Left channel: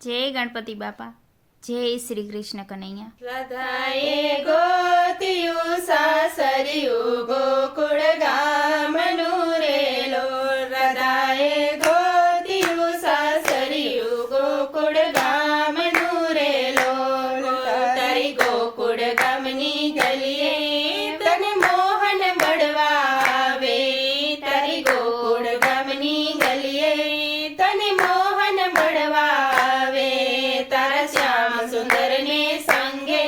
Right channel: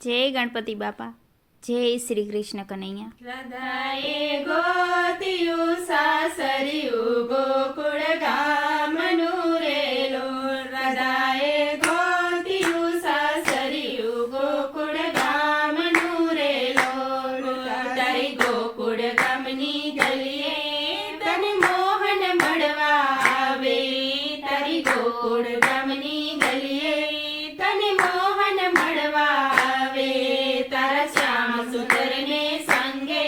જય ગણપતિ બાપા, જય શ્રી કૃષ્ણ કનૈયા. રાધાએ ગોત્યું સાસરિયું ગોકુળ ગામનું રેલો. રાધાએ ગોત્યું સાસરિયું ગોકુળ ગામનું રેલો. તારી ગોકુળ ગામની ગલીએ તને મોહન મળવા આવે. તારી ગોકુળ ગામની ગલીએ તને મોહન મળવા આવે. તારા શ્યામ સુંદર ને સંગે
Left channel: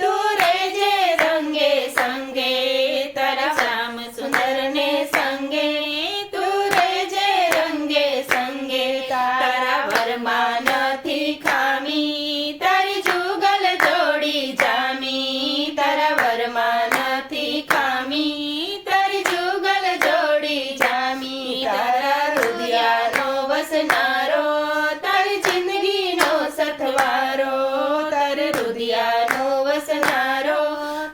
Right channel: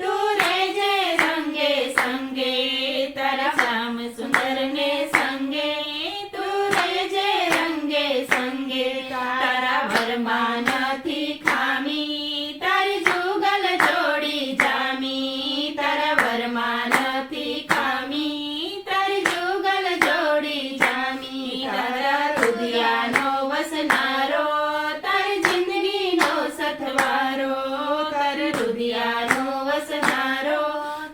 તું રેજે રંગે સંગે. તારા શ્યામ સુંદર ને સંગે તું રેજે રંગે સંગે. તારા વરમાં નથી ખામી, તારી જુગલ જોડી જામી. તારા વરમાં નથી ખામી, તારી જુગલ જોડી જામી. તારા રુદિયાનો વસનારો, તારી જિંદગીનો સથવારો. તારા રુદિયાનો વસનારો,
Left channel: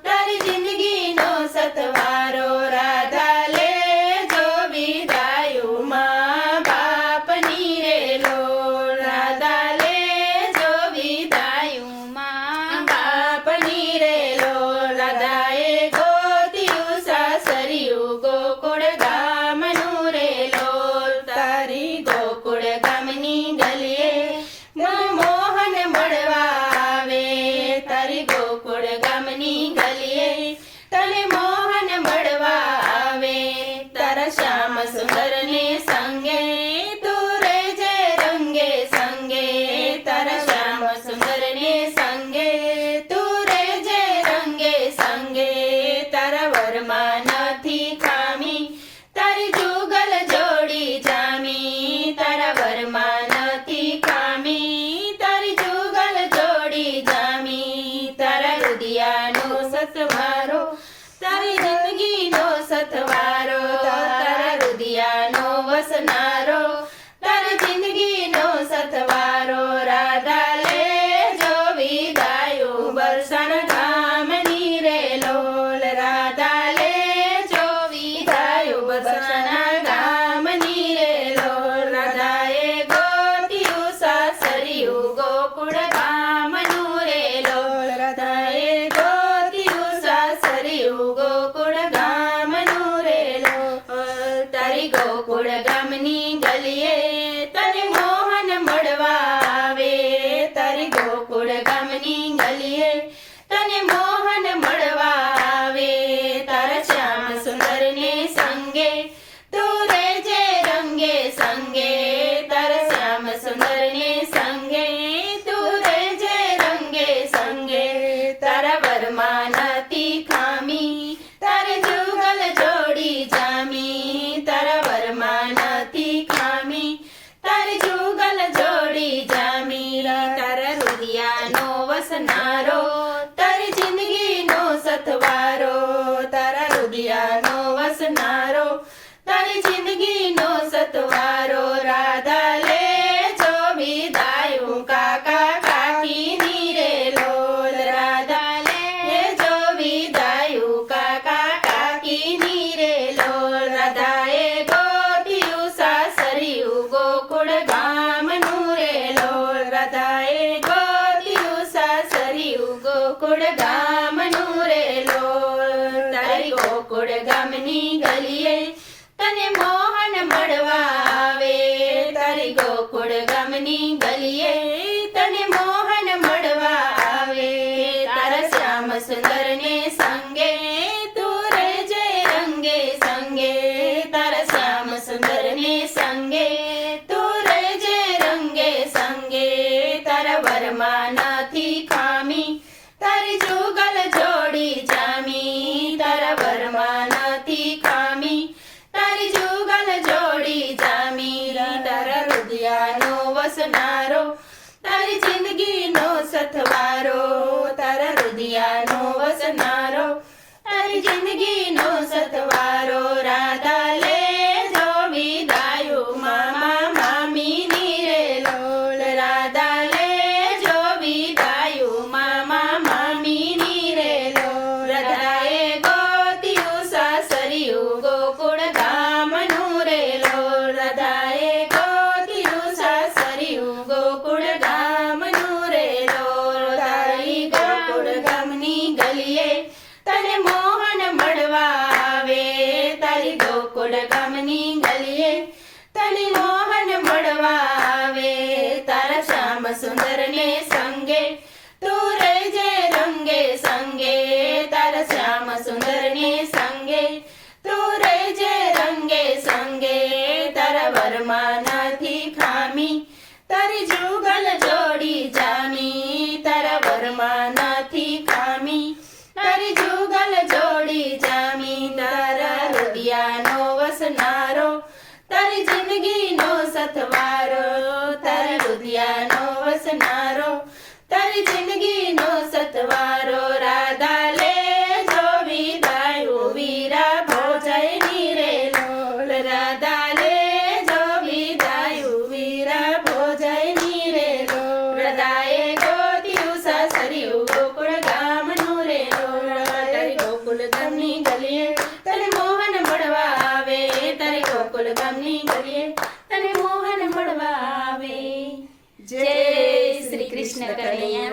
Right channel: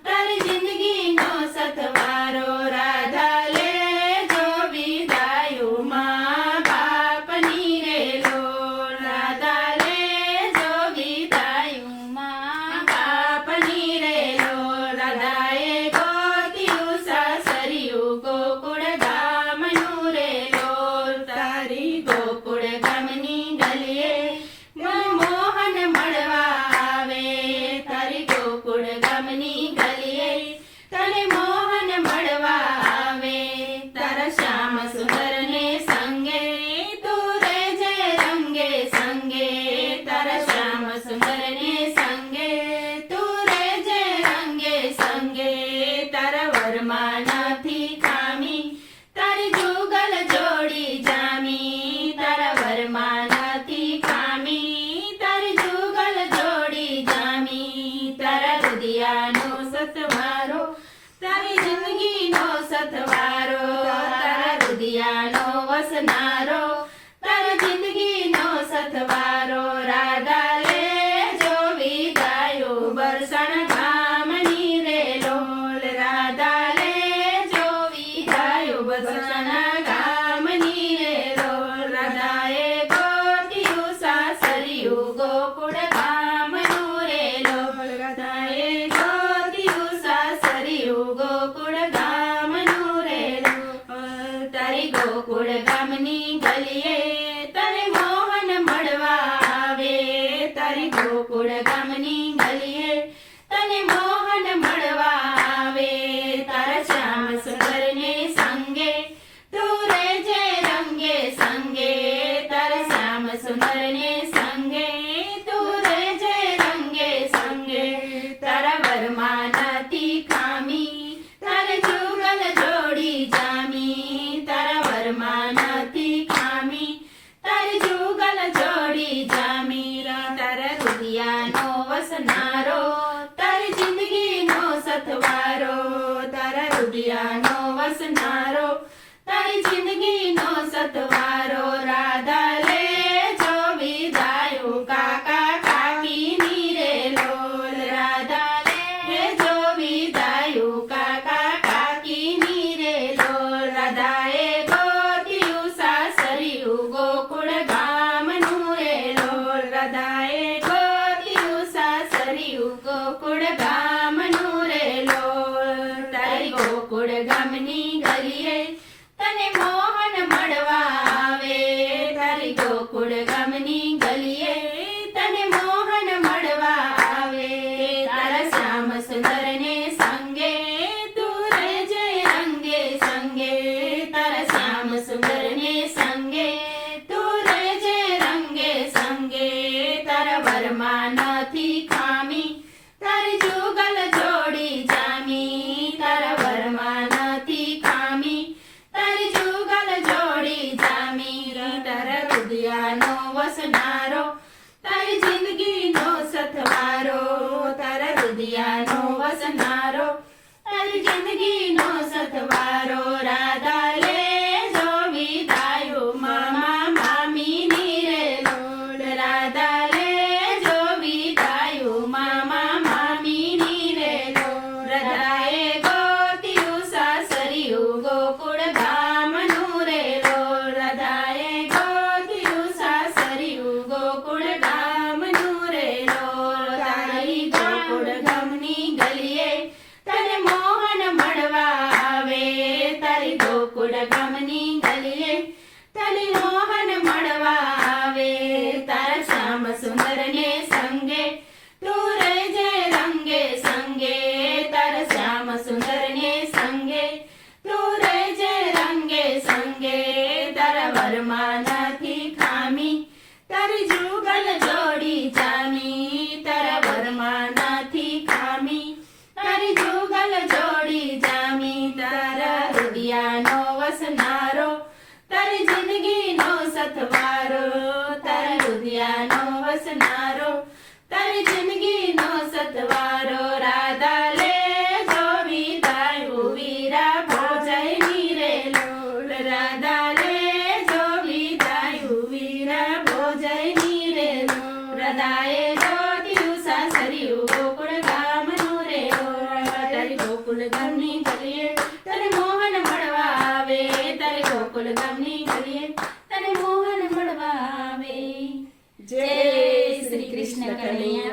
તારી જિંદગીનો સથવારો. રાધા લેજો વિદાયું મા બાપની રેલો. રાધા લેજો વિદાયું મા બાપની રેલો. રાધાએ ગોત્યું સાસરિયું ગોકુળ ગામનું રેલો. તારી ગોકુળ ગામની ગલીએ મનમોહન મળવા આવે. તારી ગોકુળ ગામની ગલીએ તને મોહન મળવા આવે. તારા શ્યામ સુંદર ને સંગે તું રેજે રંગે સંગે. તારા શ્યામ સુંદર ને સંગે તું રેજે રંગે સંગે. તારા વરમાં નથી ખામી, તારી જુગલ જોડી જામી. તારા વરમાં નથી ખામી, તારી જુગલ જોડી જામી. તારા રુદિયાનો સથવારો, તારી જિંદગીનો સથવારો. તારા રુદિયાનો વસનારો, તારી જિંદગીનો સથવારો. રાધા લેજો વિદાયું બરસણ ગામની રેલો. રાધા લેજો વિદાયું બરસણ ગામની રેલો. રાધાએ ગોત્યું સાસરિયું ગોકુળ ગામનું રેલો. રાધાએ ગોત્યું સાસરિયું ગોકુળ ગામનું રેલો. તારી ગોકુળ ગામની ગલીએ તને મોહન મળવા આવે. તારી ગોકુળ ગામની ગલીએ તને મોહન મળવા આવે. તારા શ્યામ સુંદર ને સંગે તું રેજે રંગે સંગે. તારા શ્યામ સુંદર ને સંગે તું રેજે રંગે સંગે. તારા વરમાં નથી ખામી, તારે જુગલ જોડી જામી. તારા વરમાં નથી ખામી, તારી જુગલ જોડી જામી. તારા રુદિયાનો વસનારો, તારી જિંદગીનો સથવારો. તારા રુદિયાનો વસનારો, તારી જિંદગીનો સથવારો. રાધા લેજો વિદાયું કાકા કાકીની રેલો. રાધા લેજો વિદાયું કાકા કાકીની રેલો. રાધાએ ગોત્યું સાસરિયું ગોકુળ ગામનું રેલો. રાધાએ ગોત્યું સાસરિયું ગોકુળ ગામનું રેલો. તારી ગોકુળ ગામની ગલીએ તને મોહન મળવા આવે. તારી ગોકુળ ગામની ગલીએ તને મોહન મળવા આવે. તારા શ્યામ સુંદર ને સંગે તું રેજે રંગે સંગે. તારા શ્યામ સુંદર ને સંગે તું રેજે રંગે સંગે. તારા વરમાં નથી ખામી, તારી જુગલ જોડી જામી. તારા વરમાં નથી ખામી, તારી જુગલ જોડી જામી. તારા રુદિયાનો વસનારો, તારી જિંદગીનો સથવારો. તારા રુદિયાનો વસનારો, તારી જિંદગીનો સથવારો. રાધા લેજો વિદાયું મામા મામીની રેલો. રાધા લેજો વિદાયું મામા મામીની રેલો. રાધાએ ગોત્યું સાસરિયું ગોકુળ ગામનું રેલો. રાધાએ ગોત્યું સાસરિયું ગોકુળ ગામ સુંદર ને સંગે તું રહેજે રંગે સંગે તારા શ્યામ સુંદર ને સંગે તું રહેજે રંગે સંગે તારા વરમાં નથી ખામી તારી જુગલ જોડી જામી તારા વરમાં નથી ખામી તારી જુગલ જોડી જામી તારા રૂડિયાનો વસનારો તારી જિંદગીનો સથવારો તારા રૂડિયાનો વસનારો તારી જિંદગીનો સથવારો રાધા લે જો વિદાયું વીરા ભોજયની રે લોલ રાધા લે જો વિદાયું વીરા ભોજયની રે લોલ હૃદયે ગોત્યું સાસરિયું ગોકુળ ગામનું રે લોલ તારી ગોકુળ ગામની ગલીએ તને મોહન મળવા આવે તારી ગોકુળ ગામની ગલીએ તને મોહન મળવા આવે જય શ્રી કૃષ્ણ કનૈયા